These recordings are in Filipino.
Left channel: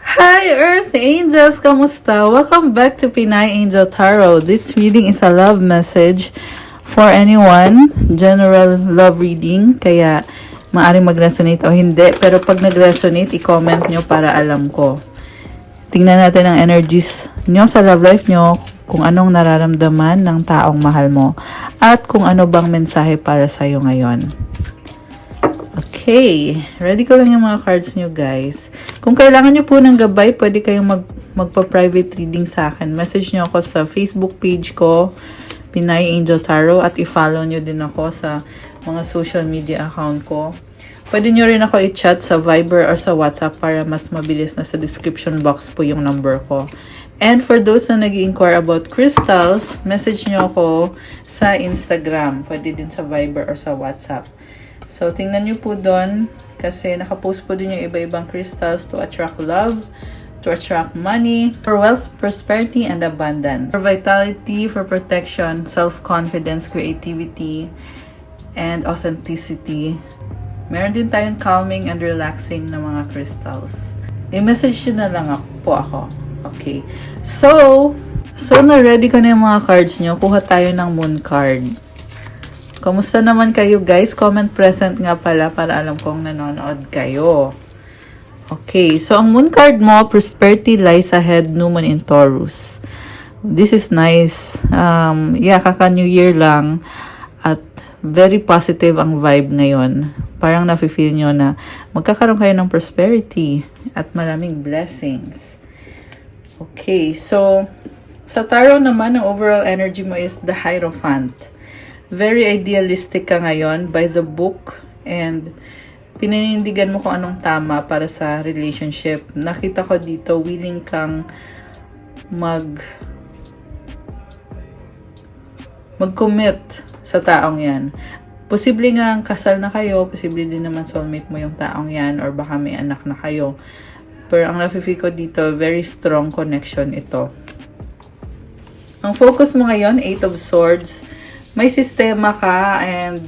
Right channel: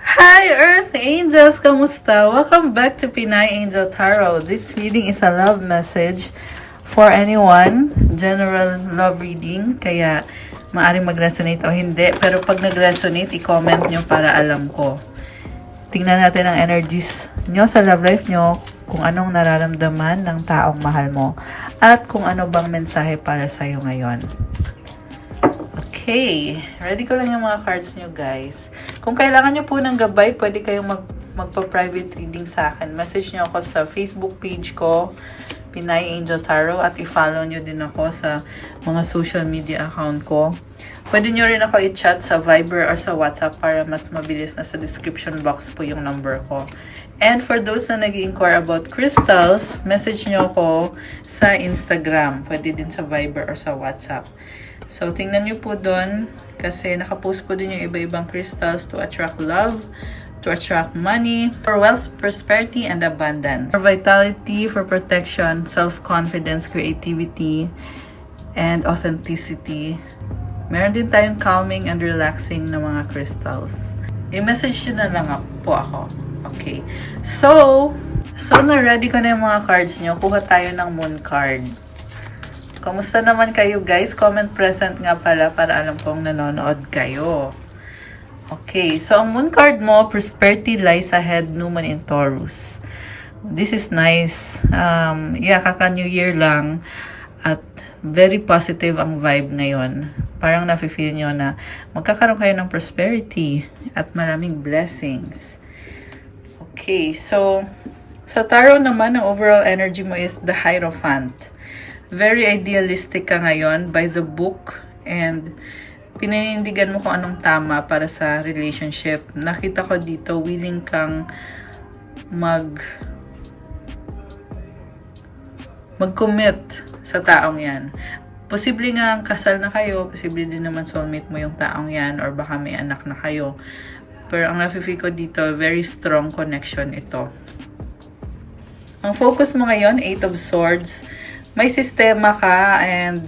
Hi Earth Angels! Kamusta? Welcome back to Pinay Angel Tarot. This reading is a love message for anyone. General love reading. Kaya maaaring mag-resonate o hindi. Pero pag nag-resonate, i-comment nyo para alam ko. Tingnan natin ang energies nyo sa love life nyo. Kung anong nararamdaman ng taong mahal mo. At kung ano bang mensahe para sa'yo ngayon. Okay, ready ko lang yung mga cards nyo guys. Kung kailangan nyo po ng gabay, pwede kayong magpa-private reading sa akin. Message nyo ako sa Facebook page ko, Pinay Angel Tarot, at i-follow nyo din ako sa mga social media account ko. Pwede nyo rin ako i-chat sa Viber or sa WhatsApp para mas mabilis na sa description box po yung number ko. And for those na nag-inquire about crystals, message nyo ako sa Instagram. Pwede din sa Viber or sa WhatsApp. So, tingnan nyo po doon kasi nakapost po din yung iba-ibang crystals to attract love, to attract money, for wealth, prosperity, and abundance. For vitality, for protection, self-confidence, creativity, and authenticity. Meron din tayong calming and relaxing na mga crystals. I-message nyo na lang po ako. Okay. So na-ready ko na yung mga cards nyo. Kuha tayo ng moon card. Kumusta naman kayo guys? Comment present nga pala para alam kong nanonood kayo. Okay, so ang moon card mo, prosperity lies ahead, new moon in Taurus. This is nice. Kaka-New Year lang. At very positive ang vibe ngayon. Parang nafe-feel nyo na magkakaroon kayo ng prosperity at maraming blessings. Okay, so sa tarot naman, ang overall energy mo is the Hierophant. Very idealistic ka ngayon by the book and pininindigan mo kung anong tama para sa relationship. Nakita ko dito, willing kang mag-commit sa taong yan. Posible nga kasal na kayo, posible din naman soulmate mo yung taong yan or baka may anak na kayo. Pero ang nafe-feel ko dito, very strong connection ito. Ang focus mo ngayon, 8 of Swords. May sistema ka and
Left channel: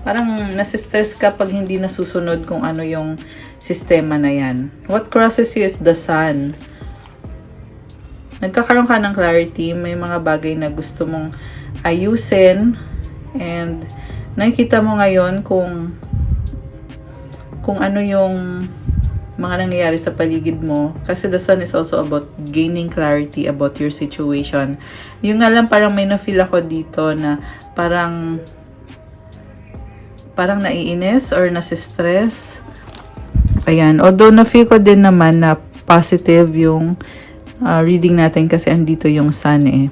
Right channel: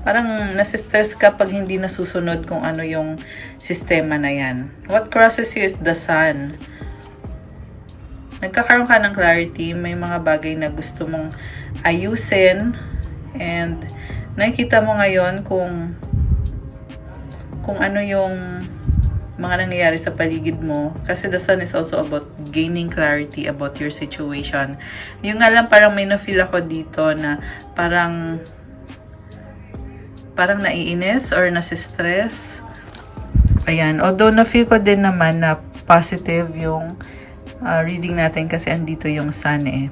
parang nasistress ka pag hindi nasusunod kung ano yung sistema na yan. What crosses you is the Sun. Nagkakaroon ka ng clarity, may mga bagay na gusto mong ayusin and nakikita mo ngayon kung ano yung mga nangyayari sa paligid mo. Kasi the Sun is also about gaining clarity about your situation. Yung nga lang parang may na-feel ako dito na parang naiinis or nasistress. Ayan. Although na-feel ko din naman na positive yung reading natin kasi andito yung Sun eh.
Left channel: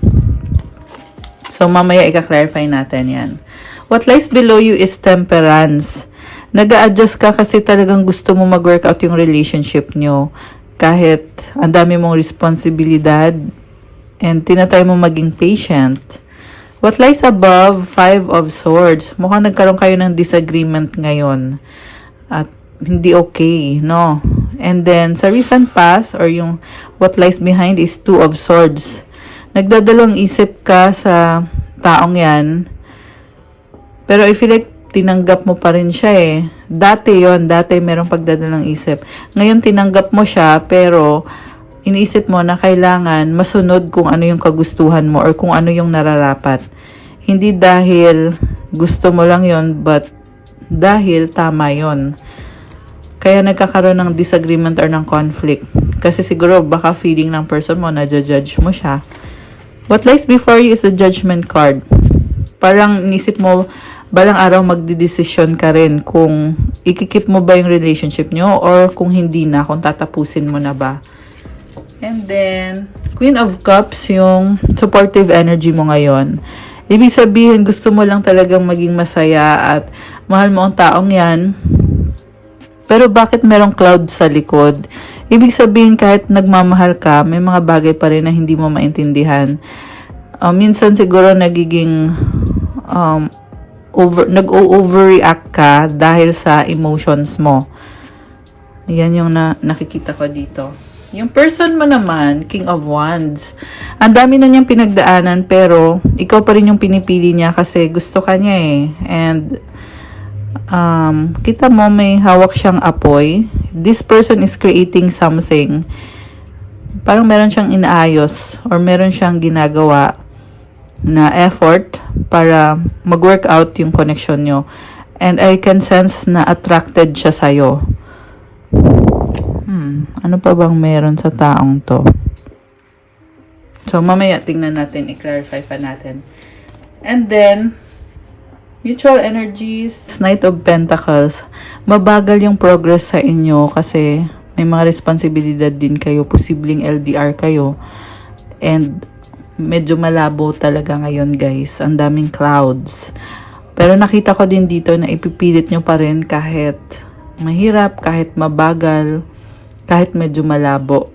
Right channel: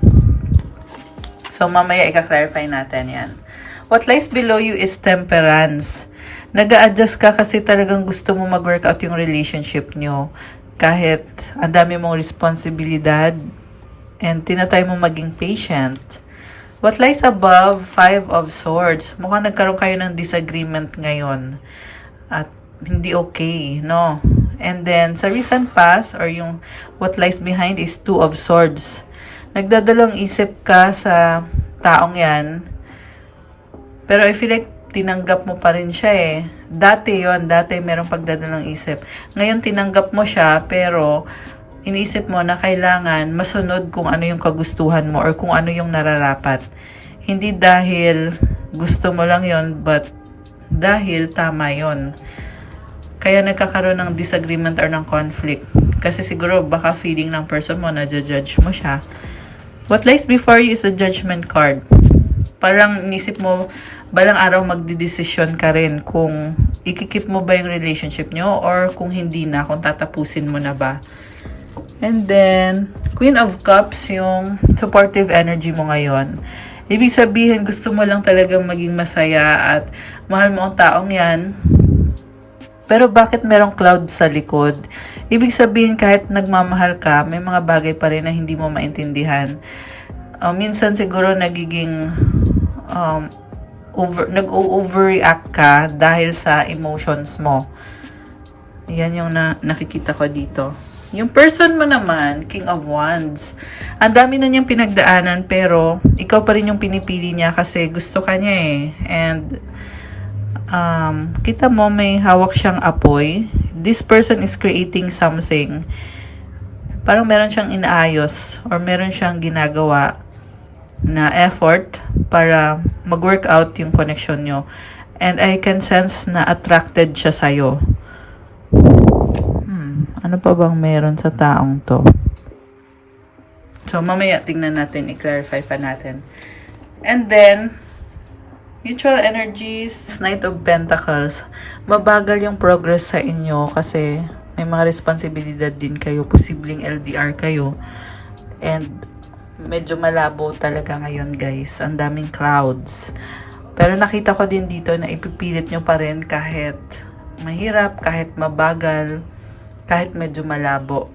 So mamaya i-clarify natin yan. What lies below you is Temperance. Nag-a-adjust ka kasi talagang gusto mo mag-workout yung relationship nyo. Kahit ang dami mong responsibilidad and tinatry mo maging patient. What lies above, 5 of Swords. Mukhang nagkaroon kayo ng disagreement ngayon. At hindi okay, no? And then, sa recent past, or yung what lies behind is 2 of Swords. Nagdadalawang isip ka sa taong yan. Pero I feel like tinanggap mo pa rin siya eh. Dati merong pagdadalang isip. Ngayon tinanggap mo siya, pero iniisip mo na kailangan masunod kung ano yung kagustuhan mo or kung ano yung nararapat. Hindi dahil gusto mo lang yon, but dahil tama yon. Kaya nagkakaroon ng disagreement or ng conflict. Kasi siguro baka feeling ng person mo na judge mo siya. What lies before you is a Judgment card. Parang inisip mo, balang araw magdidesisyon ka rin kung ikikip mo ba yung relationship nyo or kung hindi na, kung tatapusin mo na ba. And then, Queen of Cups, yung supportive energy mo ngayon. Ibig sabihin, gusto mo lang talagang maging masaya at mahal mo ang taong yan. Pero bakit merong cloud sa likod? Ibig sabihin, kahit nagmamahal ka, may mga bagay pa rin na hindi mo maintindihan. Minsan siguro nagiging nag-overreact ka dahil sa emotions mo. Yan yung nakikita ko dito. Yung person mo naman, King of Wands. Ang dami na niyang pinagdaanan pero ikaw pa rin yung pinipili niya kasi gusto ka niya eh. And kita mo may hawak siyang apoy. this person is creating something. Parang meron siyang inaayos or meron siyang ginagawa na effort para mag-work out yung connection nyo. And I can sense na attracted siya sa'yo. Ano pa bang meron sa taong to? So, mamaya tingnan natin, i-clarify pa natin. And then, mutual energies, Knight of Pentacles, mabagal yung progress sa inyo kasi may mga responsibilidad din kayo, posibleng LDR kayo. And, medyo malabo talaga ngayon guys. Ang daming clouds. Pero nakita ko din dito na ipipilit nyo pa rin kahit mahirap, kahit mabagal, kahit medyo malabo.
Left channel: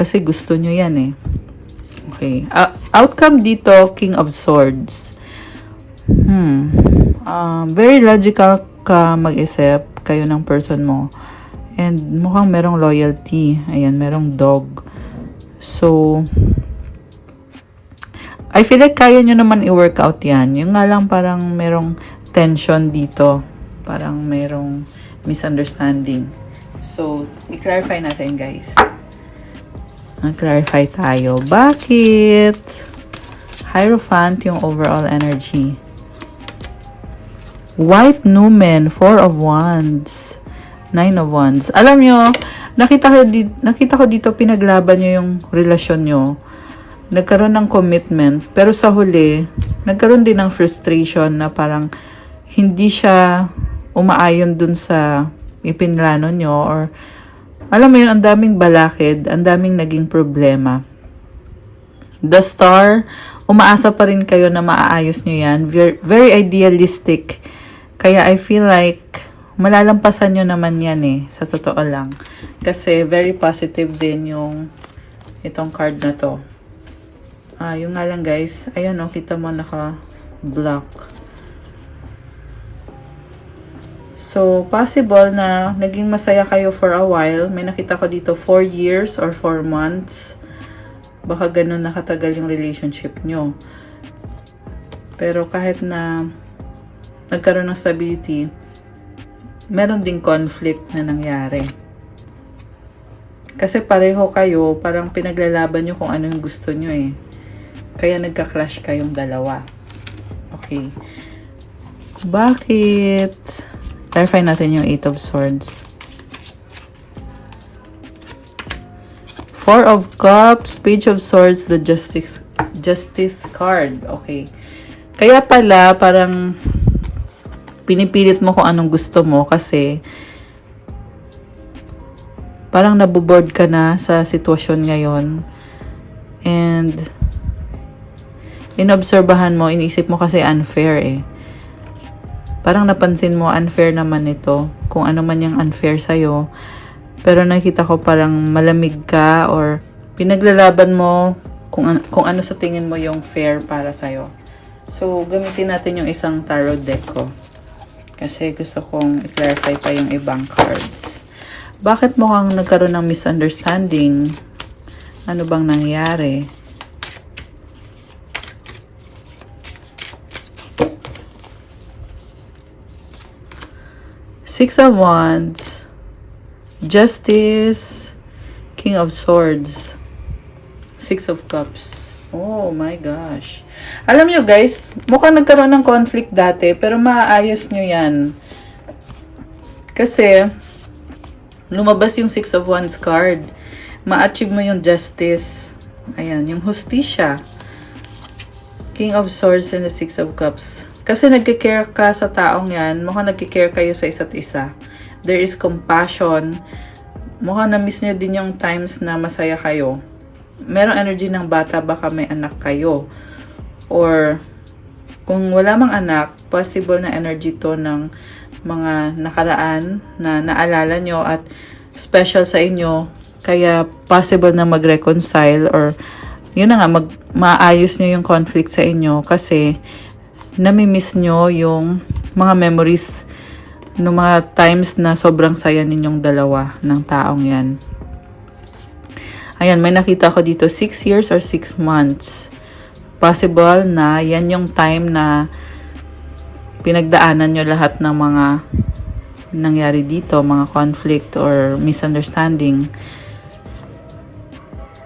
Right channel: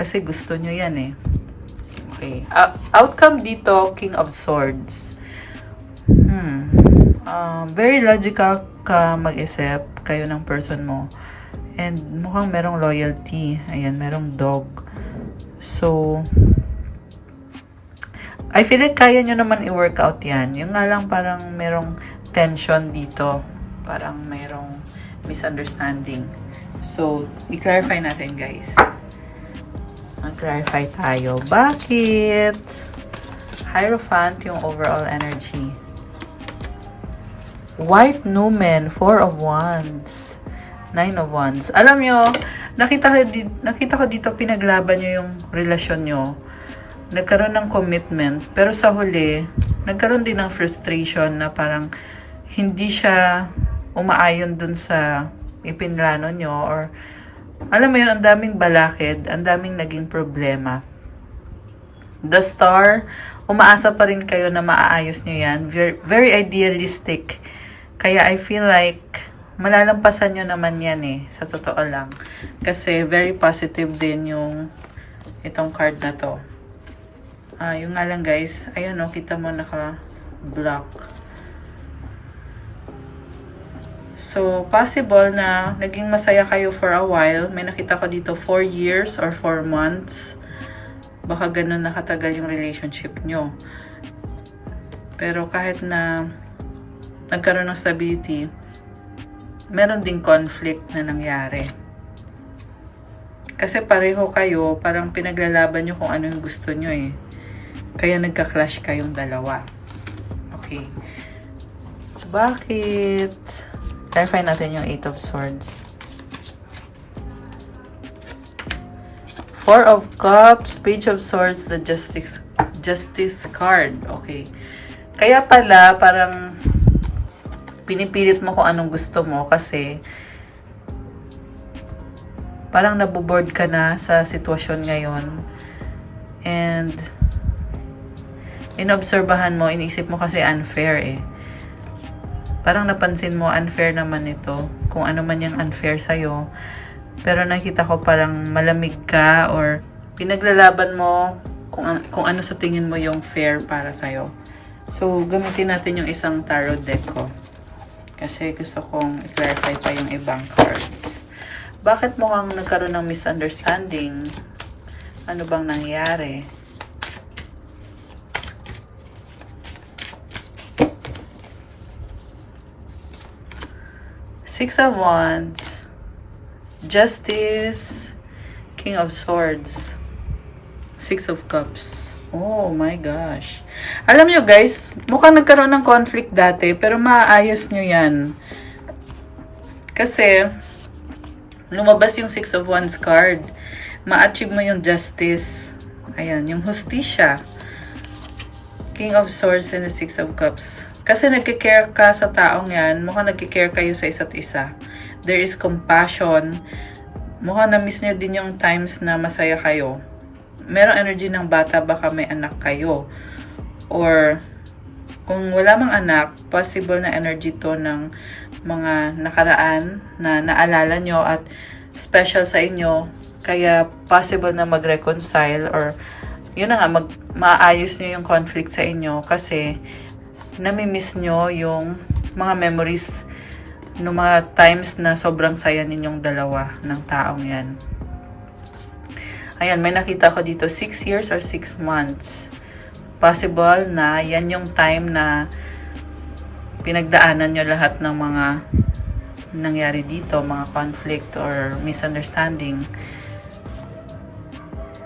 Kasi gusto nyo yan eh. Okay. Outcome dito, King of Swords. Very logical ka mag-isip kayo ng person mo. And mukhang merong loyalty. Ayan, merong dog. So, I feel like kaya nyo naman i-work out yan. Yung nga lang parang merong tension dito. Parang merong misunderstanding. So, i-clarify natin guys. Mag-clarify tayo. Bakit? Hierophant yung overall energy. White Numen, 4 of Wands, 9 of Wands. Alam nyo, nakita ko dito pinaglaban nyo yung relasyon nyo. Nagkaroon ng commitment, pero sa huli, nagkaroon din ng frustration na parang hindi siya umaayon dun sa ipinlano nyo or alam mo yun, ang daming balakid, ang daming naging problema. The Star, umaasa pa rin kayo na maaayos nyo yan. Very, very idealistic. Kaya I feel like malalampasan nyo naman yan eh, sa totoo lang. Kasi very positive din yung itong card na to. Yung nga lang guys, ayan o, kita mo naka-block. So, possible na naging masaya kayo for a while. May nakita ko dito 4 years or 4 months. Baka ganun nakatagal yung relationship nyo. Pero kahit na nagkaroon ng stability, meron ding conflict na nangyari. Kasi pareho kayo, parang pinaglalaban nyo kung ano yung gusto nyo eh. Kaya nagka-clash kayong dalawa. Okay. Bakit? Clarify natin yung 8 of Swords. 4 of Cups, Page of Swords, the Justice card. Okay. Kaya pala, parang pinipilit mo kung anong gusto mo kasi parang naboboard ka na sa sitwasyon ngayon. And inobserbahan mo, inisip mo kasi unfair eh. Parang napansin mo, unfair naman ito. Kung ano man yung unfair sa'yo. Pero nakita ko parang malamig ka or pinaglalaban mo kung ano sa tingin mo yung fair para sa'yo. So, gamitin natin yung isang tarot deck ko. Kasi gusto kong i-clarify pa yung ibang cards. Bakit mukhang nagkaroon ng misunderstanding? Ano bang nangyari? Six of Wands, Justice, King of Swords, Six of Cups. Oh my gosh. Alam nyo guys, mukhang nagkaroon ng conflict dati, pero maaayos nyo yan. Kasi, lumabas yung Six of Wands card. Ma-achieve mo yung justice. Ayan, yung hustisya. King of Swords and the Six of Cups. Kasi nagkikare ka sa taong yan, mukhang nagkikare kayo sa isa't isa. There is compassion. Mukhang na-miss nyo din yung times na masaya kayo. Merong energy ng bata, baka may anak kayo. Or, kung wala mang anak, possible na energy to ng mga nakaraan na naalala nyo at special sa inyo. Kaya, possible na mag-reconcile or, yun na nga, maayos nyo yung conflict sa inyo kasi nami-miss nyo yung mga memories ng mga times na sobrang saya ninyong dalawa ng taong yan. Ayan, may nakita ko dito 6 years or 6 months. Possible na yan yung time na pinagdaanan nyo lahat ng mga nangyari dito, mga conflict or misunderstanding.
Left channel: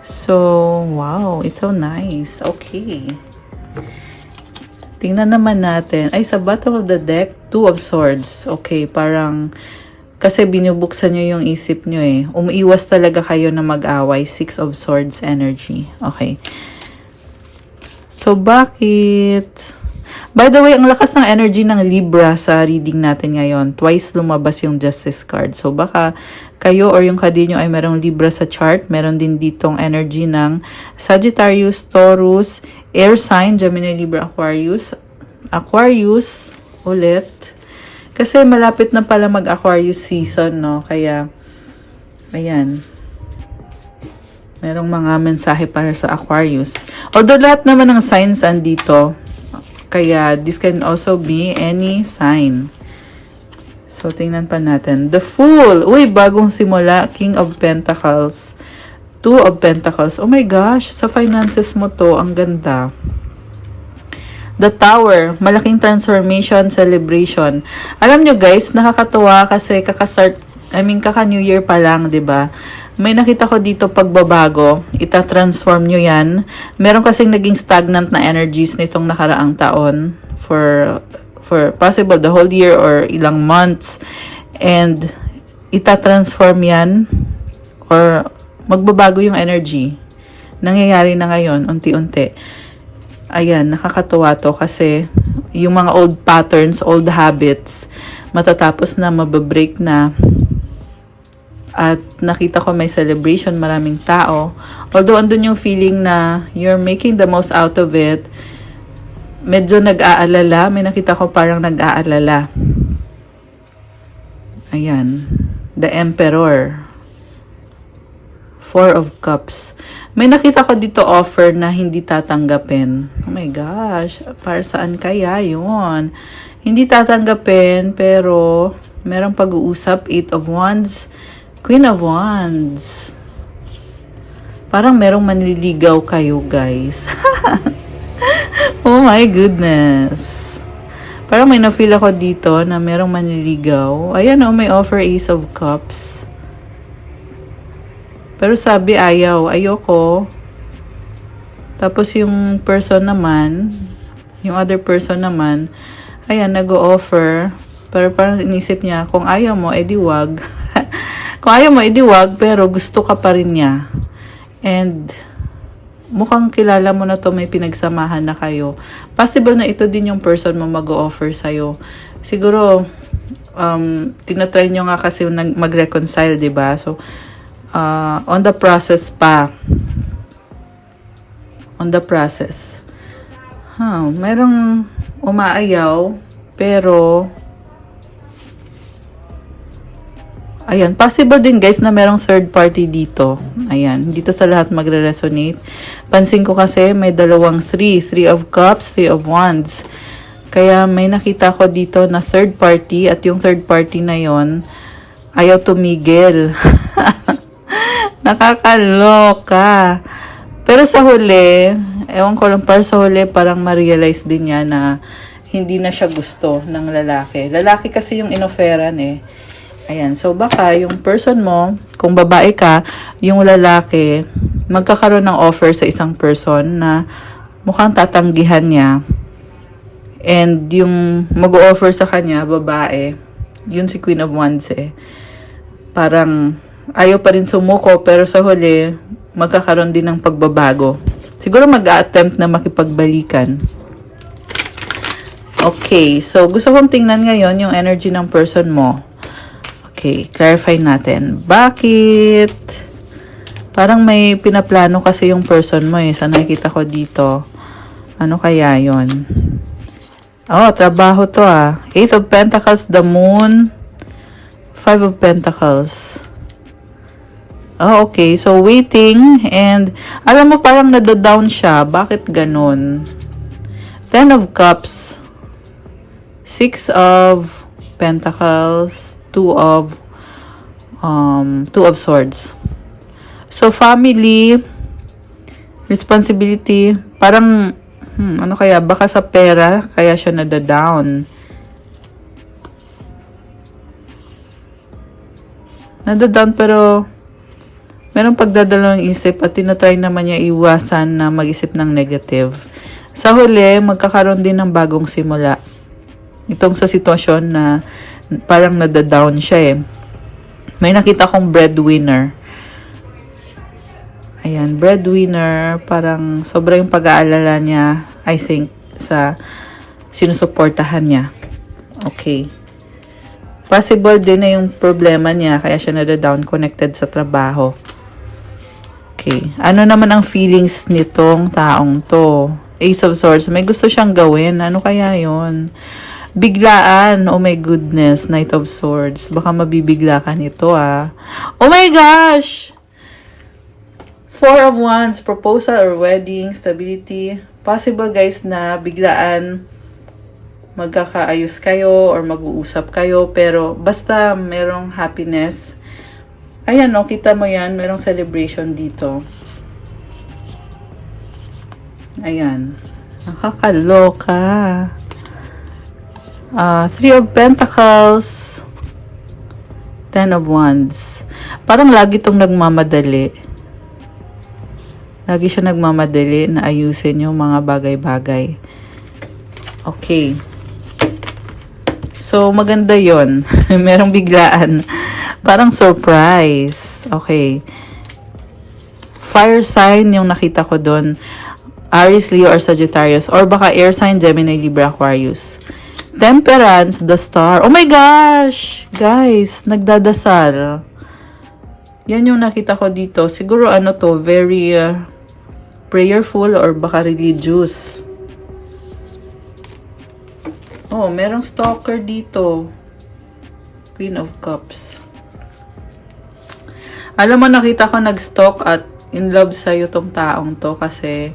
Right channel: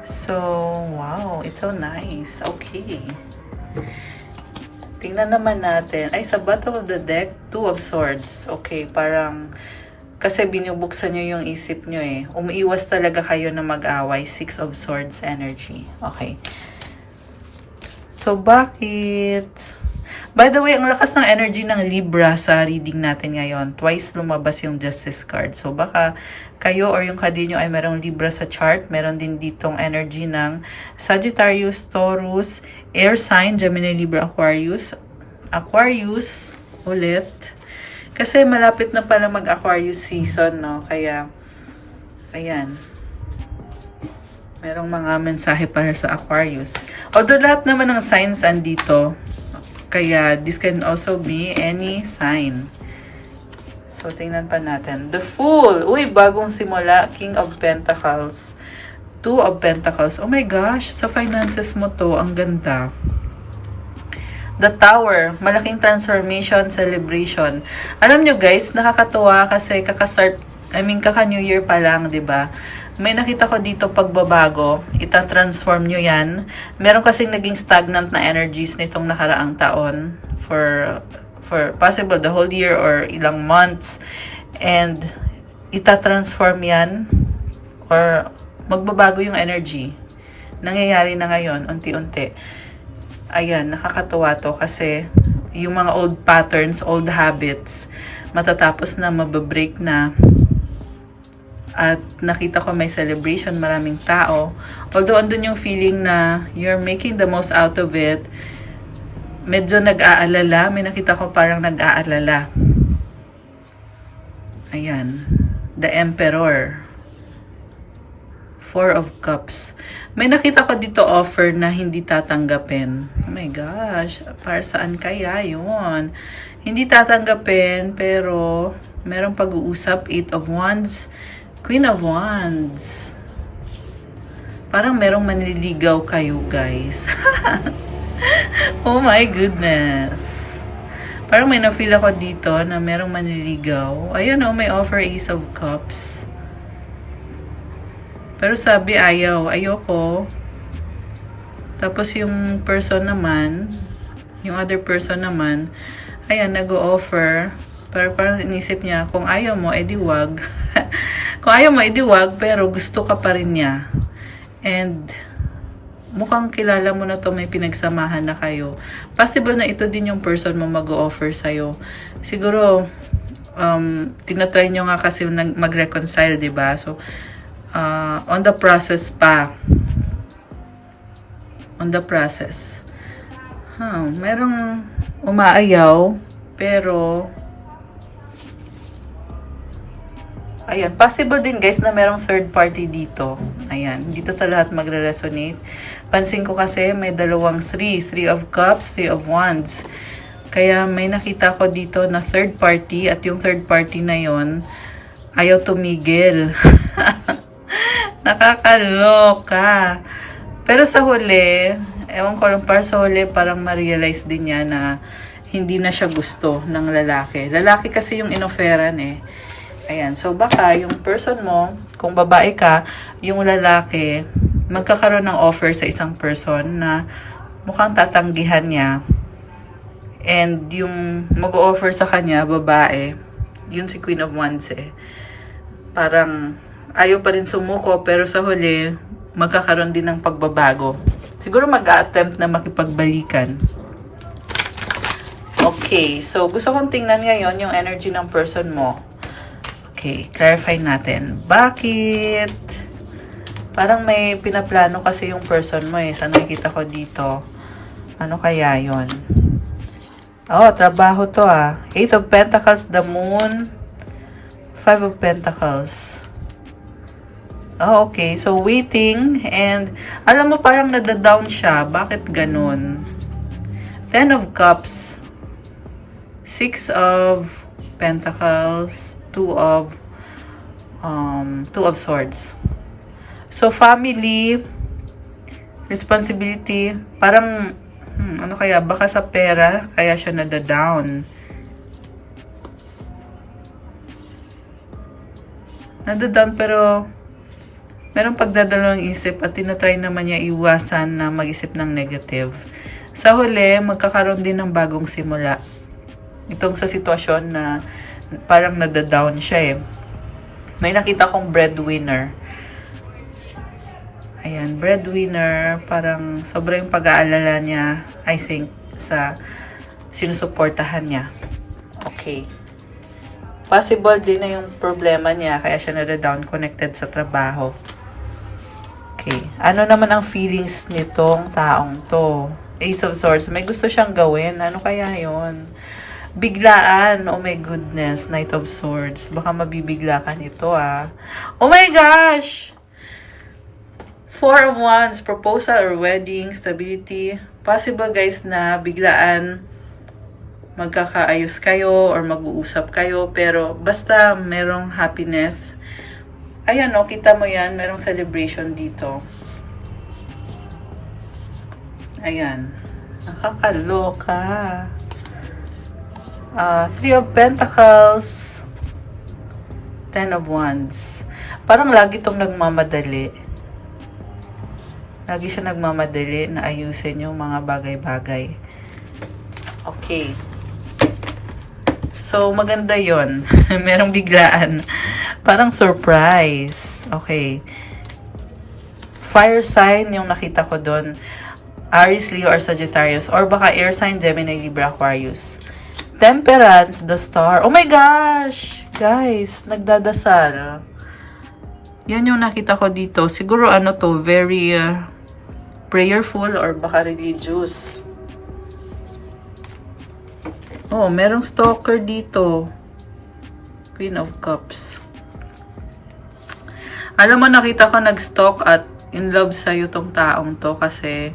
So, wow, it's so nice. Okay. Tingnan naman natin. Ay, sa bottom of the deck, Two of Swords. Okay, parang kasi binubuksan nyo yung isip nyo eh. Umiiwas talaga kayo na mag-away. Six of Swords energy. Okay. So, bakit? By the way, ang lakas ng energy ng Libra sa reading natin ngayon. Twice lumabas yung Justice card. So, baka kayo or yung kadil nyo ay merong Libra sa chart. Meron din ditong energy ng Sagittarius, Taurus, Air sign, Gemini, Libra, Aquarius. Aquarius, ulit. Kasi malapit na pala mag-Aquarius season, no? Kaya, ayan. Merong mga mensahe para sa Aquarius. Although lahat naman ng signs andito. Kaya, this can also be any sign. So, tingnan pa natin. The Fool. Uy, bagong simula. King of Pentacles. Two of Pentacles. Oh my gosh, sa finances mo to, ang ganda. The Tower, malaking transformation, celebration. Alam nyo guys, nakakatuwa kasi kaka-New Year pa lang, 'di ba? May nakita ko dito pagbabago, ita-transform nyo yan. Meron kasing naging stagnant na energies nitong nakaraang taon for possible the whole year or ilang months. And ita-transform yan or magbabago yung energy. Nangyayari na ngayon, unti-unti. Ayan, nakakatuwa to kasi yung mga old patterns, old habits, matatapos na, mababreak na. At nakita ko may celebration, maraming tao. Although andun yung feeling na you're making the most out of it, medyo nag-aalala. May nakita ko parang nag-aalala. Ayan, the Emperor. Four of Cups. May nakita ko dito offer na hindi tatanggapin. Oh my gosh, para saan kaya yun? Hindi tatanggapin, pero merong pag-uusap. Eight of Wands, Queen of Wands. Parang merong manliligaw kayo, guys. Oh my goodness. Parang may na-feel ako dito na merong manliligaw. Ayan oh, may offer Ace of Cups. Pero sabi ayaw, ayoko. Tapos yung person naman, yung other person naman, ayan, nag-o-offer. Pero parang inisip niya, kung ayaw mo, edi wag. Kung ayaw mo, edi wag, pero gusto ka pa rin niya. And mukhang kilala mo na to, may pinagsamahan na kayo. Possible na ito din yung person mo mag-o-offer sa'yo. Siguro, tinatry nyo nga kasi mag-reconcile, diba? So, on the process pa. On the process. Merong umaayaw, pero ayan, possible din guys na merong third party dito. Ayan, dito sa lahat magre-resonate. Pansin ko kasi may dalawang three of Cups, Three of Wands. Kaya may nakita ko dito na third party at yung third party na yon ayaw tumigil. Nakakaloka. Pero sa huli, ewan ko lang, para sa huli, parang ma-realize din niya na hindi na siya gusto ng lalaki. Lalaki kasi yung inoferan eh. Ayan, so baka yung person mo, kung babae ka, yung lalaki, magkakaroon ng offer sa isang person na mukhang tatanggihan niya. And yung mag-offer sa kanya, babae, yun si Queen of Wands eh. Parang ayaw pa rin sumuko, pero sa huli, magkakaroon din ng pagbabago. Siguro mag-a-attempt na makipagbalikan. Okay, so gusto kong tingnan ngayon yung energy ng person mo. Okay, clarify natin. Bakit? Parang may pinaplano kasi yung person mo eh. Sa nakikita ko dito. Ano kaya yon? Oh, trabaho to ah. Eight of Pentacles, the Moon, Five of Pentacles. Oh, okay. So, waiting. And, alam mo, parang nado-down siya. Bakit ganun? Ten of Cups. Six of Pentacles. Two of Swords. So, family, responsibility, parang, ano kaya? Baka sa pera, kaya siya nado-down. nadadown pero merong pagdadalawang isip at tinatry naman niya iwasan na mag-isip ng negative. Sa huli, magkakaroon din ng bagong simula. Itong sa sitwasyon na parang nadadown siya eh. May nakita kong breadwinner. Ayan, breadwinner, parang sobrang pag-aalala niya, I think, sa sinusuportahan niya. Okay. Possible din na yung problema niya, kaya siya nada-down connected sa trabaho. Okay. Ano naman ang feelings nitong taong to? Ace of Swords. May gusto siyang gawin. Ano kaya yon? Biglaan. Oh my goodness. Knight of Swords. Baka mabibigla ka nito ah. Oh my gosh! Four of Wands. Proposal or wedding. Stability. Possible guys na biglaan magkakaayos kayo or mag-uusap kayo, pero basta merong happiness. Ayan, no, kita mo yan, merong celebration dito. Ayan, nakakaloka. Three of Pentacles, Ten of Wands. Parang lagi itong nagmamadali. Lagi siya nagmamadali na ayusin yung mga bagay-bagay. Okay. So, maganda yon. Merong biglaan. Parang surprise. Okay. Fire sign yung nakita ko doon. Aries, Leo, or Sagittarius. Or baka air sign, Gemini, Libra, Aquarius. Temperance, the star. Oh my gosh! Guys, nagdadasal. Yan yung nakita ko dito. Siguro ano to, very prayerful or baka religious. Oh, merong stalker dito. Queen of Cups. Alam mo, nakita ko nag-stalk at in love sa'yo tong taong to kasi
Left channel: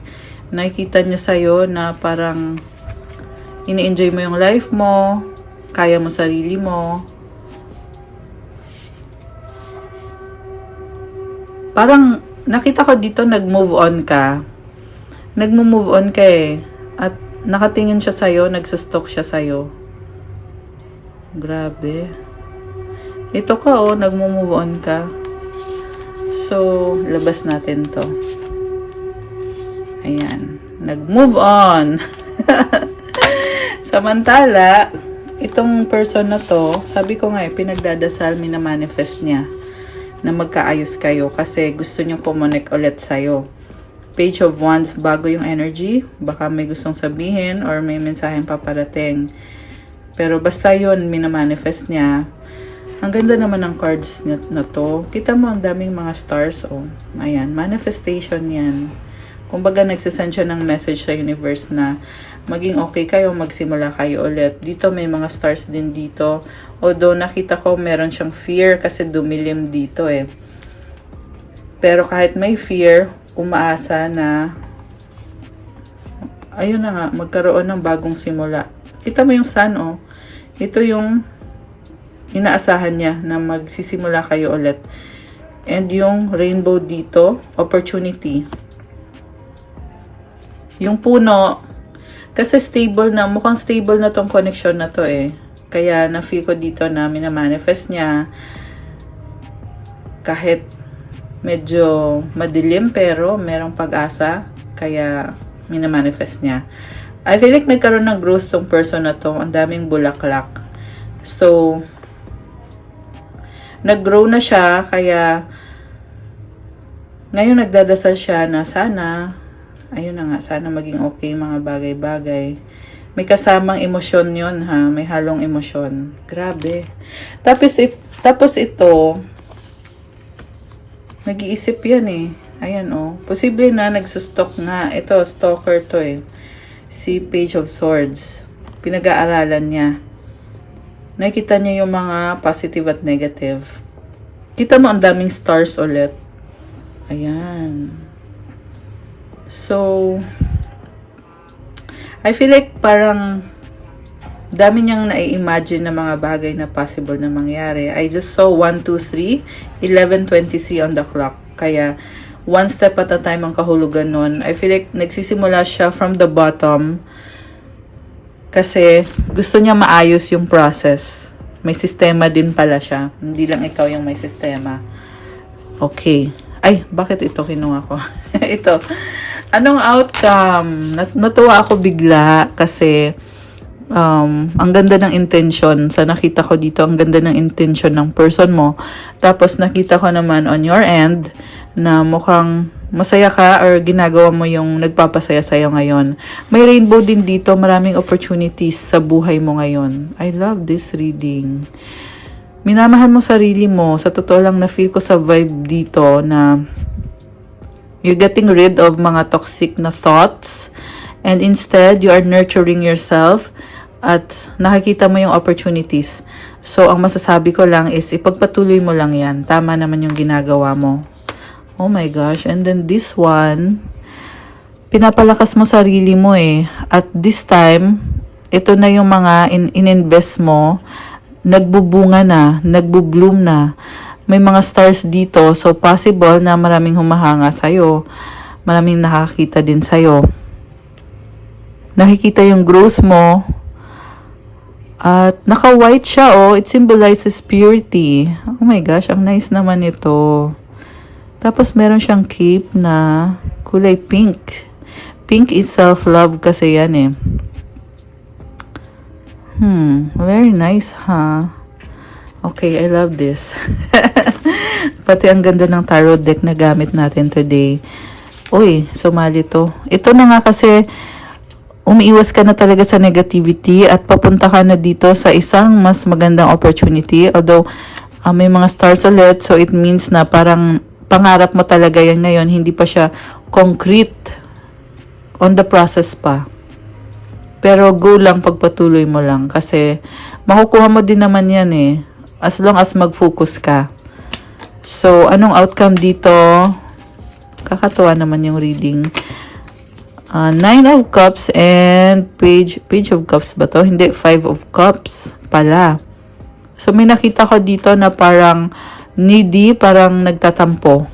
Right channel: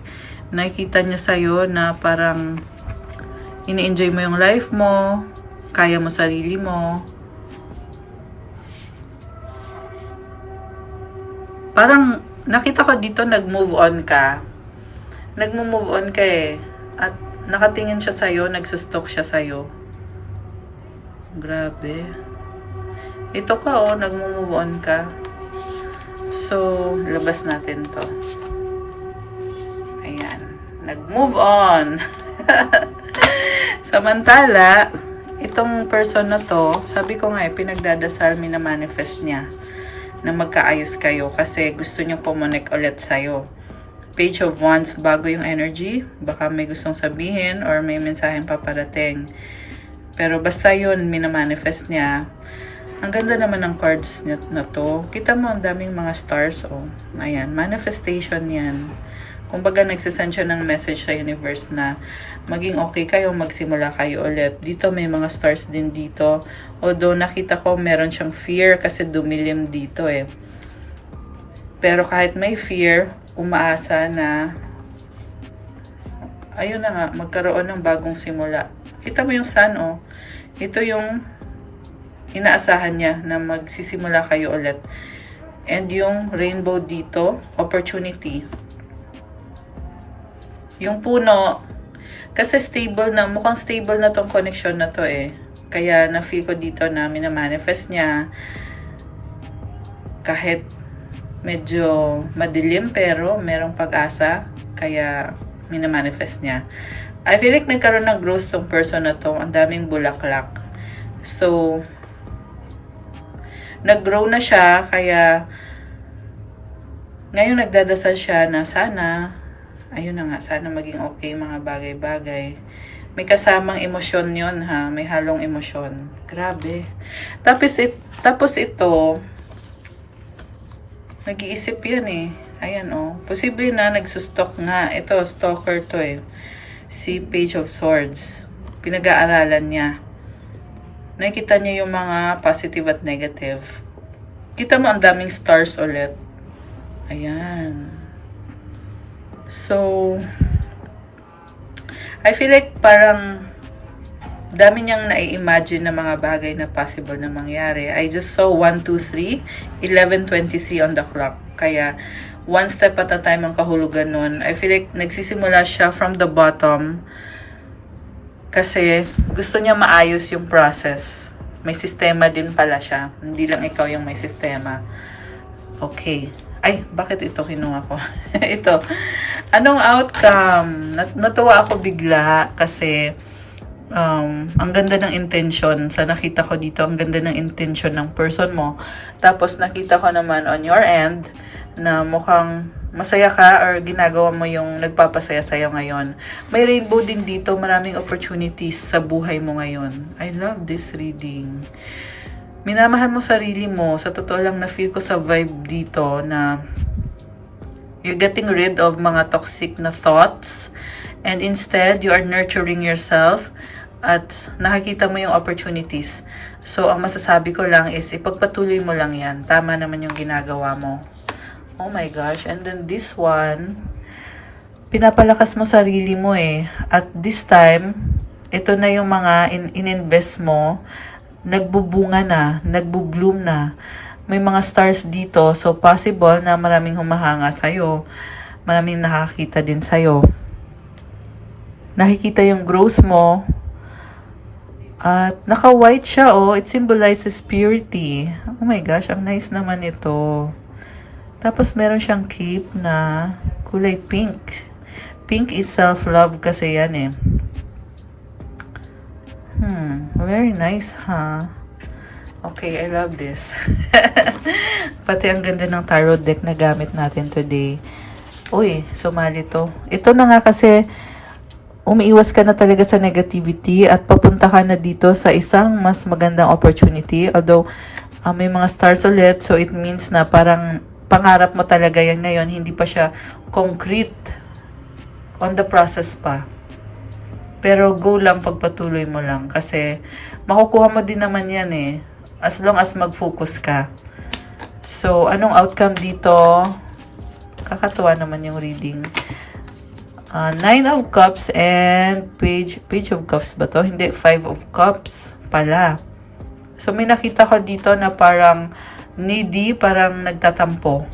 nakikita niya sa'yo na parang ini-enjoy mo yung life mo, kaya mo sarili mo. Parang nakita ko dito nag-move on ka. Nag-move on ka eh. At nakatingin siya sa'yo, nagsustalk siya sa'yo. Grabe. Ito ka oh, nag-move on ka. So, labas natin to. Ayan. Nag-move on. Samantala, itong person na to, sabi ko nga pinagdadasal, minamanifest niya na magkaayos kayo kasi gusto niyang kumonek ulit sa'yo. Page of Wands, bago yung energy. Baka may gustong sabihin or may mensaheng paparating. Pero basta yun, minamanifest niya. Ang ganda naman ng cards na to. Kita mo ang daming mga stars. Oh. Ayan, manifestation yan. Kumbaga nagsasend siya ng message sa universe na maging okay kayo, magsimula kayo ulit. Dito may mga stars din dito. Although nakita ko meron siyang fear kasi dumilim dito eh. Pero kahit may fear, umaasa na ayun na nga, magkaroon ng bagong simula. Kita mo yung sun, oh. Ito yung inaasahan niya na magsisimula kayo ulit. And yung rainbow dito, opportunity. Yung puno, kasi stable na, mukhang stable na tong connection na to eh. Kaya na-feel ko dito na minamanifest niya kahit medyo madilim pero merong pag-asa, kaya minamanifest niya. I feel like nagkaroon ng growth tong person na to. Ang daming bulaklak. So, nag-grow na siya, kaya ngayon nagdadasal siya na sana, ayun na nga, sana maging okay mga bagay-bagay. May kasamang emosyon yun ha, may halong emosyon. Grabe. Tapos ito, nag-iisip yan eh. Ayan oh. Posible na nagsustalk nga. Ito, stalker to eh. Si Page of Swords. Pinag-aaralan niya. Nakikita niya yung mga positive at negative. Kita mo ang daming stars ulit. Ayan. So, I feel like parang dami niyang nai-imagine na mga bagay na possible na mangyari. I just saw 1, 2, 3, 11:23 on the clock. Kaya, one step at a time ang kahulugan nun. I feel like nagsisimula siya from the bottom kasi gusto niya maayos yung process. May sistema din pala siya. Hindi lang ikaw yung may sistema. Okay. Ay, bakit ito kinuha ko? Ito. Anong outcome? Natuwa ako bigla kasi ang ganda ng intention. Sa nakita ko dito, ang ganda ng intention ng person mo. Tapos nakita ko naman on your end na mukhang masaya ka or ginagawa mo yung nagpapasaya sa'yo ngayon. May rainbow din dito. Maraming opportunities sa buhay mo ngayon. I love this reading. Minamahal mo sarili mo. Sa totoo lang, na-feel ko sa vibe dito na you're getting rid of mga toxic na thoughts and instead, you are nurturing yourself at nakikita mo yung opportunities. So, ang masasabi ko lang is ipagpatuloy mo lang yan. Tama naman yung ginagawa mo. Oh my gosh. And then this one, pinapalakas mo sarili mo eh. At this time, ito na yung mga in-invest mo, nagbubunga na, nagbubloom na. May mga stars dito, so possible na maraming humahanga sa'yo. Maraming nakakita din sa'yo. Nakikita yung growth mo. At naka-white siya, oh. It symbolizes purity. Oh my gosh, ang nice naman ito. Tapos meron siyang cape na kulay pink. Pink is self-love kasi yan eh. Very nice, ha? Okay, I love this. Pati ang ganda ng tarot deck na gamit natin today. Uy, sumali to. Ito na nga kasi, umiiwas ka na talaga sa negativity at papunta ka na dito sa isang mas magandang opportunity. Although, may mga stars ulit, so it means na parang pangarap mo talaga yan ngayon. Hindi pa siya concrete. On the process pa. Pero go lang, pagpatuloy mo lang. Kasi, makukuha mo din naman yan eh. As long as mag-focus ka. So, anong outcome dito? Kakatuwa naman yung reading. Nine of Cups and Page of Cups ba to? Hindi, Five of Cups pala. So, may nakita ko dito na parang needy, parang nagtatampo.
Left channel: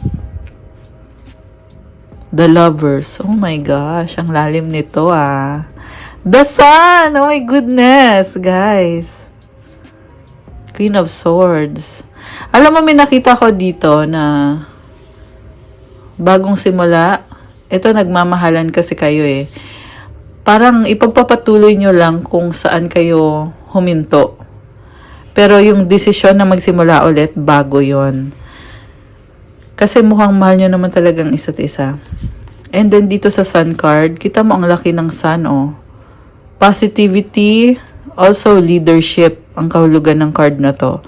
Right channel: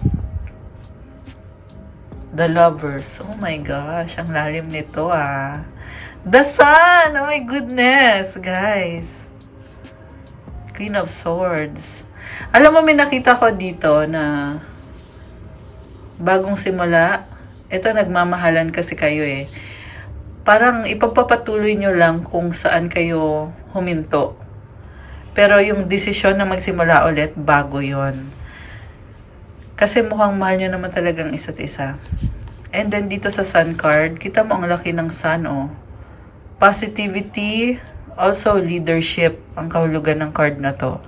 The Lovers. Oh my gosh, ang lalim nito ah. The Sun! Oh my goodness, guys. Queen of Swords. Alam mo, may nakita ko dito na bagong simula. Ito, nagmamahalan kasi kayo eh. Parang ipagpapatuloy nyo lang kung saan kayo huminto. Pero yung desisyon na magsimula ulit, bago yon. Kasi mukhang mahal nyo naman talagang isa't isa. And then dito sa Sun card, kita mo ang laki ng Sun oh. Positivity, also leadership, ang kahulugan ng card na to.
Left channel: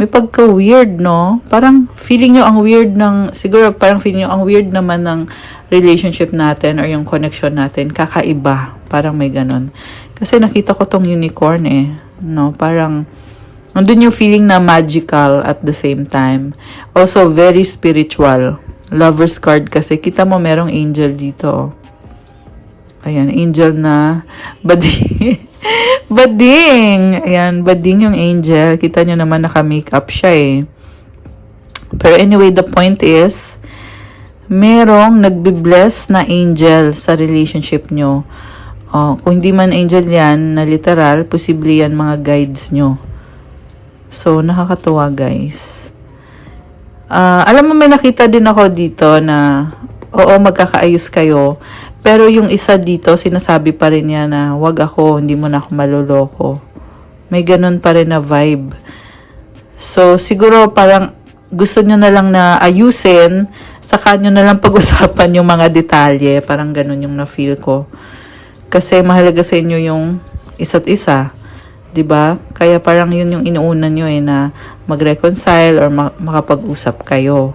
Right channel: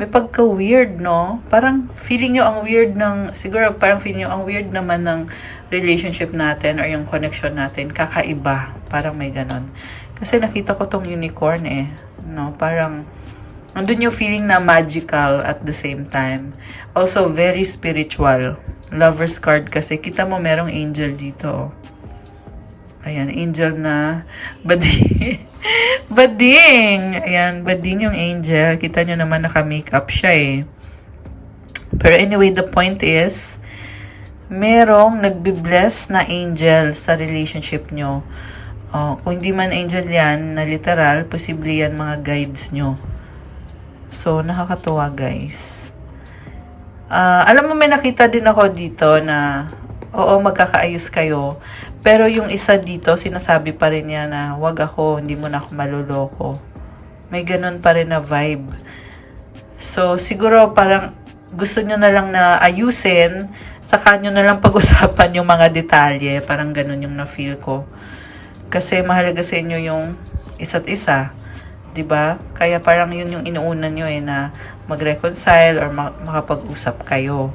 May pagka-weird, no? Parang feeling nyo ang weird ng, siguro parang feeling nyo ang weird naman ng relationship natin or yung connection natin. Kakaiba. Parang may ganon. Kasi nakita ko tong unicorn eh. No? Parang, nandun yung feeling na magical at the same time. Also, very spiritual. Lover's card kasi. Kita mo merong angel dito. Ayan, angel na bading. Bading! Ayan, bading yung angel. Kita nyo naman naka-makeup siya eh. Pero anyway, the point is, merong nagbi-bless na angel sa relationship nyo. Kung hindi man angel yan, na literal, posible yan mga guides nyo. So, nakakatuwa guys. Alam mo, may nakita din ako dito na, oo, magkakaayos kayo. Pero yung isa dito, sinasabi pa rin niya na, wag ako, hindi mo na ako maloloko. May ganun pa rin na vibe. So, siguro parang gusto nyo na lang na ayusin, saka nyo na lang pag-usapan yung mga detalye. Parang ganun yung na-feel ko. Kasi mahalaga sa inyo yung isa't isa. 'Di ba? Kaya parang yun yung inuuna nyo eh, na mag-reconcile or makapag-usap kayo.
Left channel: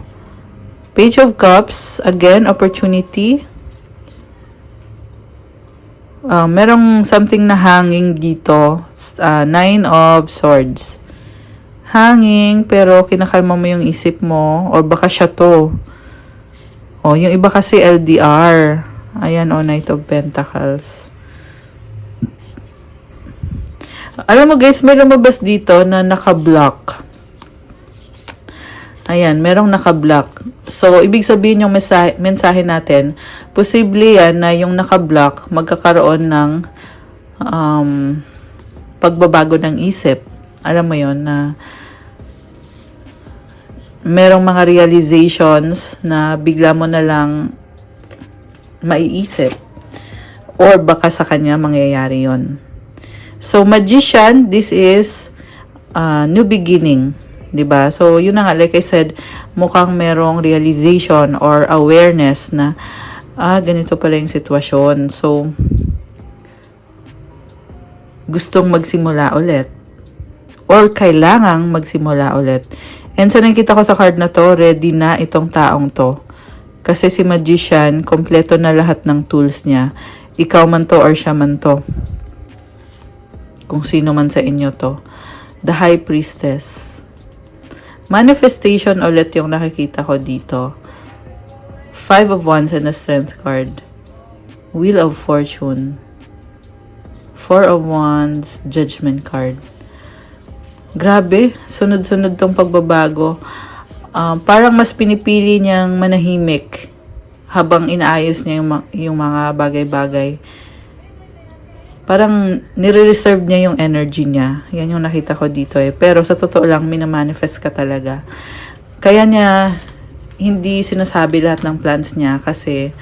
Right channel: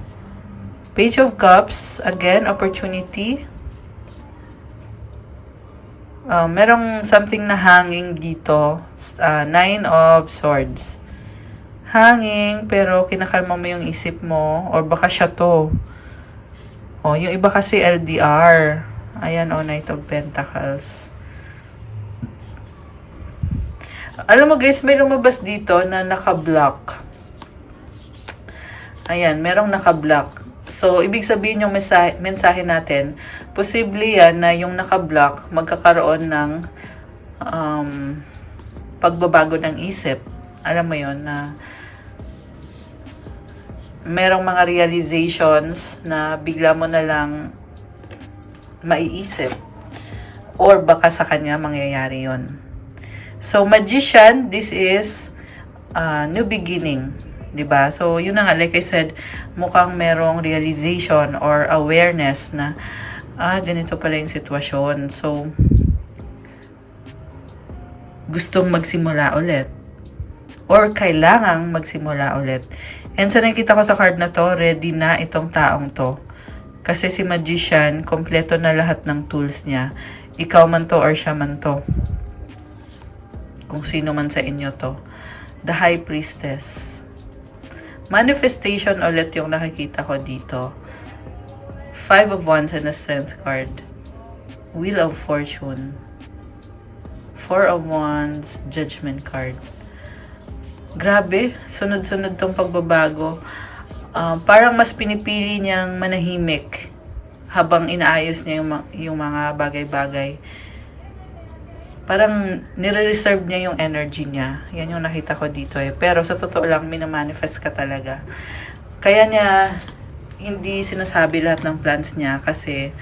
Page of Cups, again, opportunity. Merong something na hanging dito. Nine of Swords. Hanging, pero kinakalma mo yung isip mo. Or baka siya to. Yung iba kasi LDR. Ayan, Knight of Pentacles. Alam mo guys, may lumabas dito na naka-block. Ayan, merong naka-block. So, ibig sabihin yung mensahe natin, posible yan na yung naka-block magkakaroon ng pagbabago ng isip. alam mo yon na merong mga realizations na bigla mo na lang maiisip or baka sa kanya mangyayari yon. So, Magician, this is new beginning, 'di ba? So, yun na nga, like I said, mukhang merong realization or awareness na ganito pala yung sitwasyon. So, gustong magsimula ulit or kailangang magsimula ulit. And sa nakita ko sa card na to, ready na itong taong to. Kasi si Magician, kompleto na lahat ng tools niya. Ikaw man to or siya man to. Kung sino man sa inyo to. The High Priestess. Manifestation ulit yung nakikita ko dito. 5 of Wands and a Strength card. Wheel of Fortune. 4 of Wands, Judgment card. Grabe, sunod-sunod tong pagbabago. Parang mas pinipili niyang manahimik habang inaayos niya yung mga bagay-bagay. Parang nire-reserve niya yung energy niya. Yan yung nakita ko dito eh. Pero sa totoo lang, minamanifest ka talaga. Kaya niya hindi sinasabi lahat ng plans niya kasi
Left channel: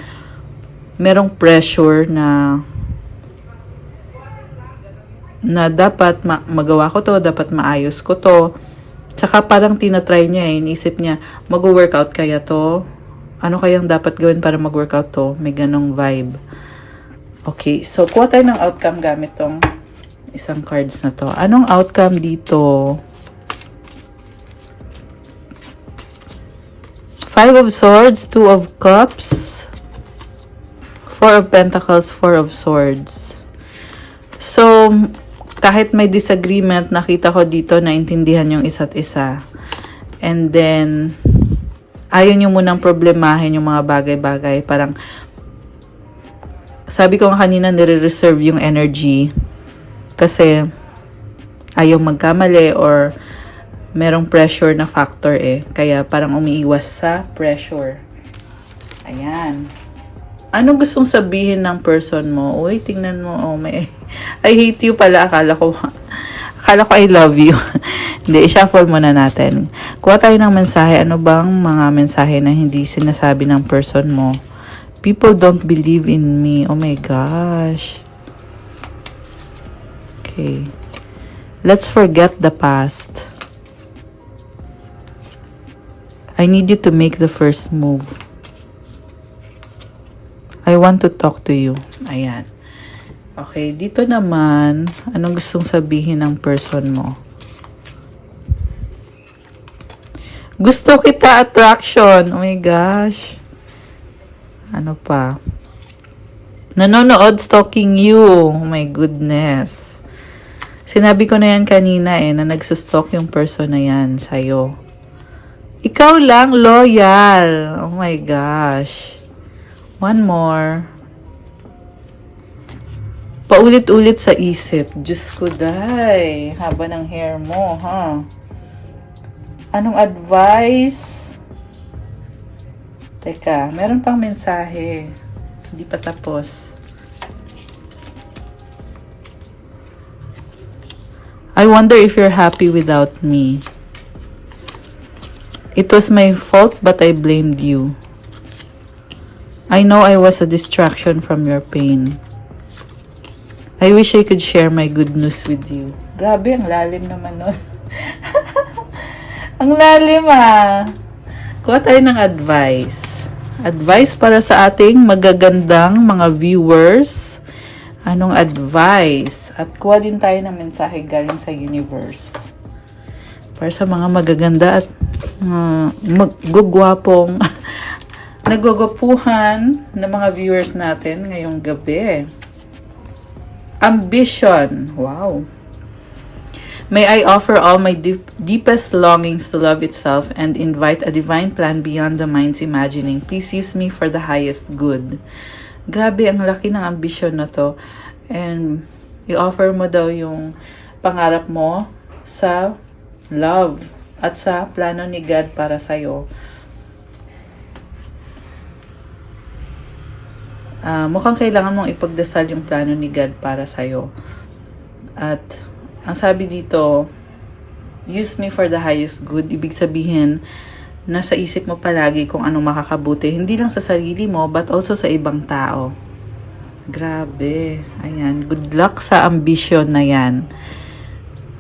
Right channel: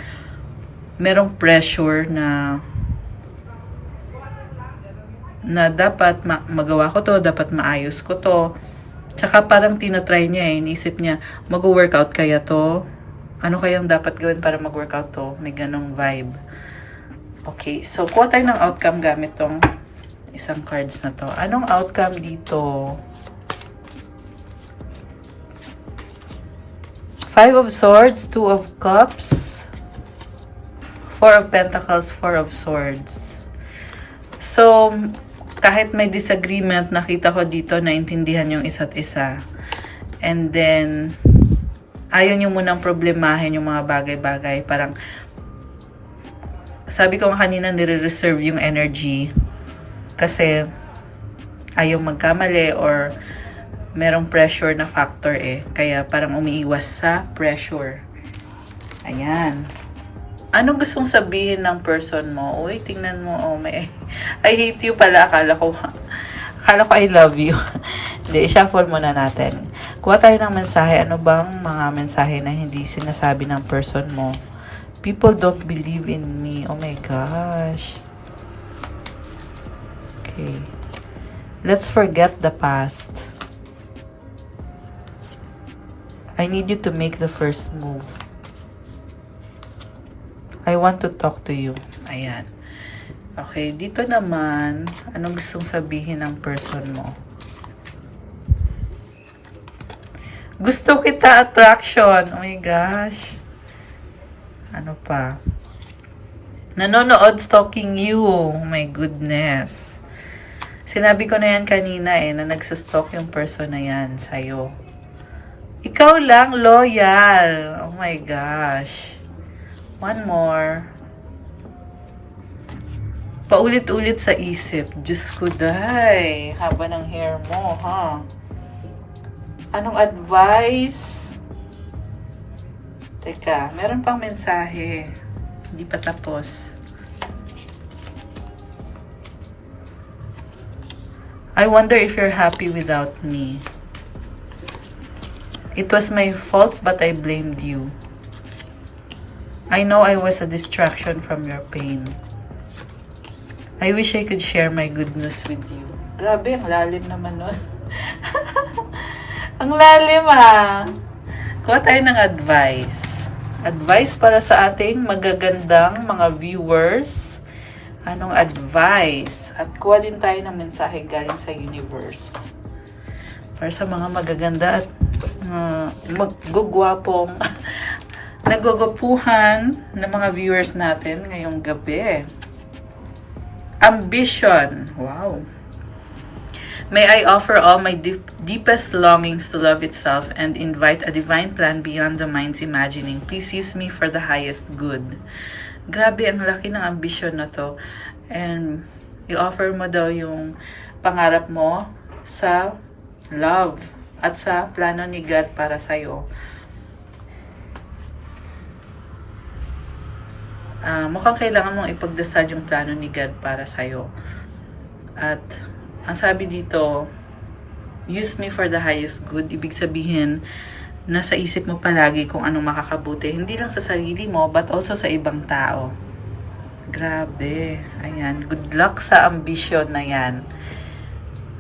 merong pressure na dapat magawa ko to, dapat maayos ko to. Tsaka parang tinatry niya eh, inisip niya, mag-workout kaya to? Ano kayang dapat gawin para mag-workout to? May ganong vibe. Okay, so kuha tayo ng outcome gamit tong isang cards na to. Anong outcome dito? 5 of Swords, 2 of Cups, 4 of Pentacles, 4 of Swords. So, kahit may disagreement, nakita ko dito, naintindihan yung isa't isa. And then, ayaw nyo munang problemahin yung mga bagay-bagay. Parang, sabi ko nga kanina, nire-reserve yung energy. Kasi, ayaw magkamali or merong pressure na factor eh. Kaya parang umiiwas sa pressure. Ayan. Anong gustong sabihin ng person mo? Uy, tingnan mo. Oh, I hate you pala. Akala ko I love you. Hindi, i-shuffle muna natin. Kuha tayo ng mensahe. Ano bang mga mensahe na hindi sinasabi ng person mo? People don't believe in me. Oh my gosh. Okay. Let's forget the past. I need you to make the first move. I want to talk to you. Ayan. Okay, dito naman, anong gustong sabihin ng person mo? Gusto kita, attraction. Oh my gosh. Ano pa? Nanonood, stalking you. Oh my goodness. Sinabi ko na yan kanina eh, na nagsustalk yung person na yan sa'yo. Ikaw lang, loyal. Oh my gosh. One more. Paulit-ulit sa isip. Diyos ko, day. Haba ng hair mo, ha? Anong advice? Teka, meron pang mensahe. Hindi pa tapos. I wonder if you're happy without me. It was my fault, but I blamed you. I know I was a distraction from your pain. I wish I could share my good news with you. Grabe, ang lalim naman nun. Ang lalim ah. Kuha tayo ng advice. Advice para sa ating magagandang mga viewers. Anong advice? At kuha din tayo ng mensahe galing sa universe. Para sa mga magaganda at magugwapong nagugupuhan ng mga viewers natin ngayong gabi. Ambition. Wow. May I offer all my deepest longings to love itself and invite a divine plan beyond the mind's imagining. Please use me for the highest good. Grabe, ang laki ng ambisyon na to. And i-offer mo daw yung pangarap mo sa love at sa plano ni God para sa'yo. Mukhang kailangan mong ipagdasal yung plano ni God para sa'yo. At ang sabi dito, use me for the highest good. Ibig sabihin, nasa isip mo palagi kung ano makakabuti. Hindi lang sa sarili mo, but also sa ibang tao. Grabe. Ayan. Good luck sa ambition na yan.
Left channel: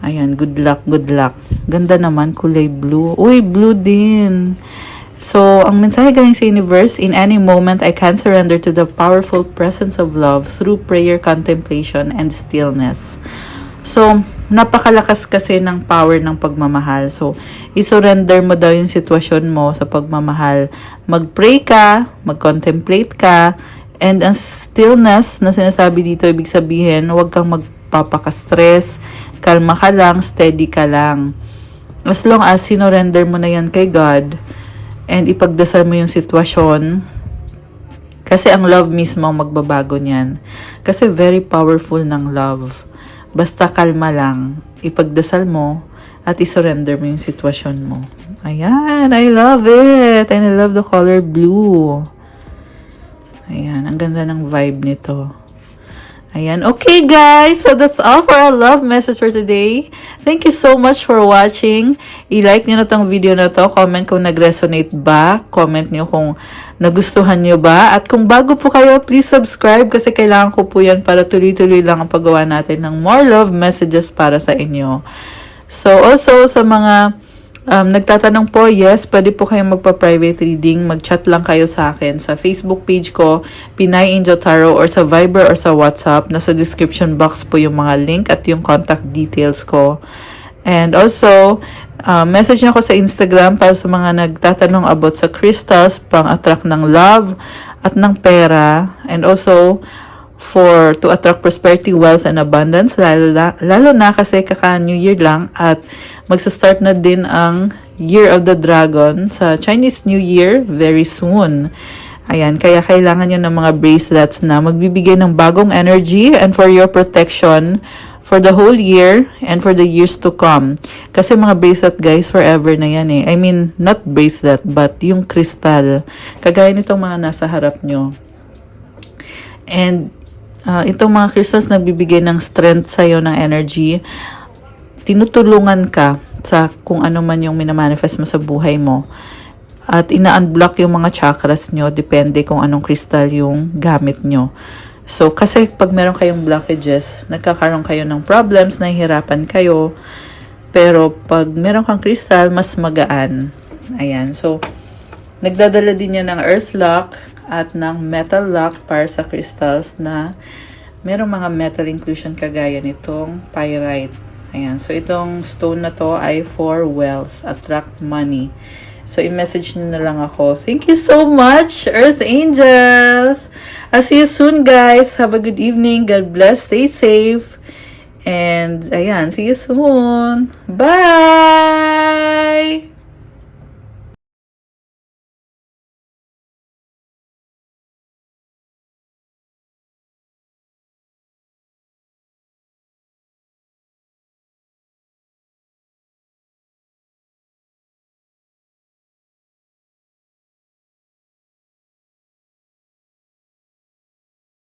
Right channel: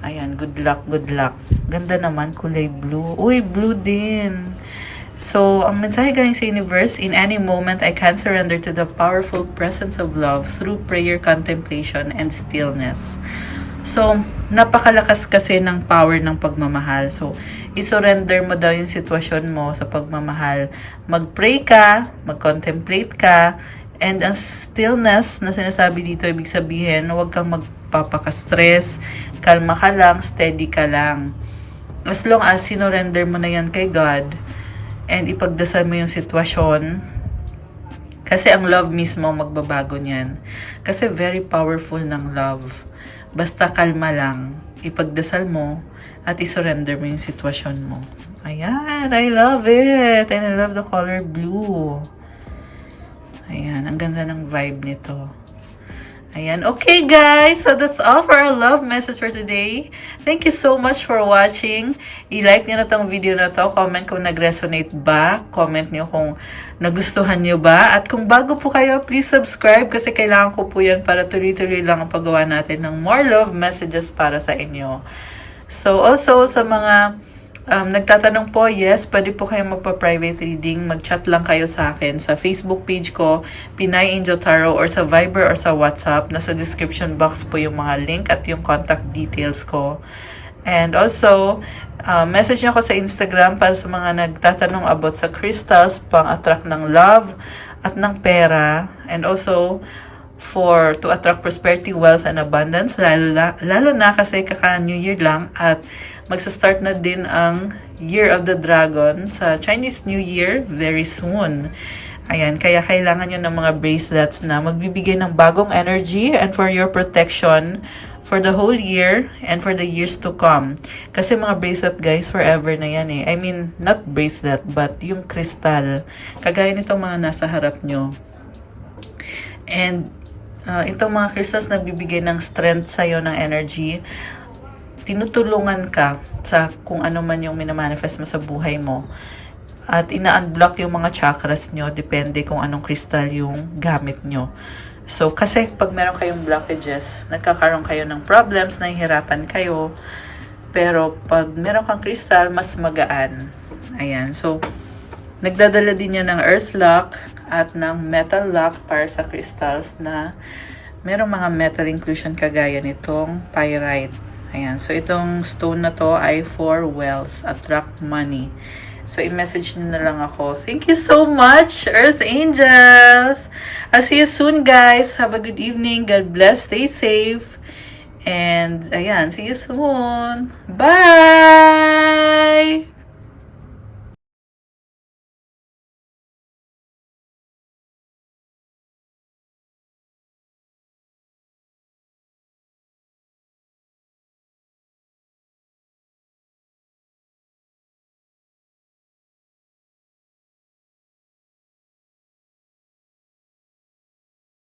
Ayan. Good luck, good luck. Ganda naman. Kulay blue. Uy, blue din. So, ang mensahe galing sa universe, in any moment, I can surrender to the powerful presence of love through prayer, contemplation, and stillness. So, napakalakas kasi ng power ng pagmamahal. So, isurrender mo daw yung sitwasyon mo sa pagmamahal. Mag-pray ka, mag-contemplate ka, and ang stillness na sinasabi dito, ibig sabihin, huwag kang magpapaka-stress, kalma ka lang, steady ka lang. As long as sinurrender mo na yan kay God, and ipagdasal mo yung sitwasyon, kasi ang love mismo ang magbabago niyan. Kasi very powerful ng love. Basta kalma lang, ipagdasal mo, at isurrender mo yung sitwasyon mo. Ayan, I love it! And I love the color blue. Ayan, ang ganda ng vibe nito. Ayan. Okay, guys. So, that's all for our love message for today. Thank you so much for watching. I-like nyo na tong video na to. Comment kung nag-resonate ba. Comment nyo kung nagustuhan nyo ba. At kung bago po kayo, please subscribe kasi kailangan ko po yan para tuloy-tuloy lang ang paggawa natin ng more love messages para sa inyo. So, also, sa mga nagtatanong po, yes, pwede po kayong magpa-private reading. Mag-chat lang kayo sa akin sa Facebook page ko, Pinay Angel Tarot, or sa Viber or sa WhatsApp. Nasa description box po yung mga link at yung contact details ko. And also, message niyo ako sa Instagram para sa mga nagtatanong about sa crystals, pang-attract ng love at ng pera. And also, to attract prosperity, wealth, and abundance. Lalo na kasi kaka-New Year lang at magsa-start na din ang Year of the Dragon sa Chinese New Year very soon. Ayan, kaya kailangan nyo ng mga bracelets na magbibigay ng bagong energy and for your protection for the whole year and for the years to come. Kasi mga bracelet, guys, forever na yan eh. I mean, not bracelet, but yung crystal. Kagaya nitong mga nasa harap nyo. And itong mga crystals nagbibigay ng strength sa'yo ng energy. Tinutulungan ka sa kung ano man yung minamanifest mo sa buhay mo. At ina-unblock yung mga chakras nyo, depende kung anong crystal yung gamit nyo. So, kasi pag meron kayong blockages, nagkakaroon kayo ng problems, nahihirapan kayo. Pero, pag meron kang crystal, mas magaan. Ayan. So, nagdadala din yan ng earth lock at ng metal lock para sa crystals na merong mga metal inclusion kagaya nitong pyrite. Ayan. So, itong stone na to ay for wealth, attract money. So, i-message nyo na lang ako. Thank you so much, Earth Angels! I'll see you soon, guys. Have a good evening. God bless. Stay safe. And, ayan, see you soon. Bye!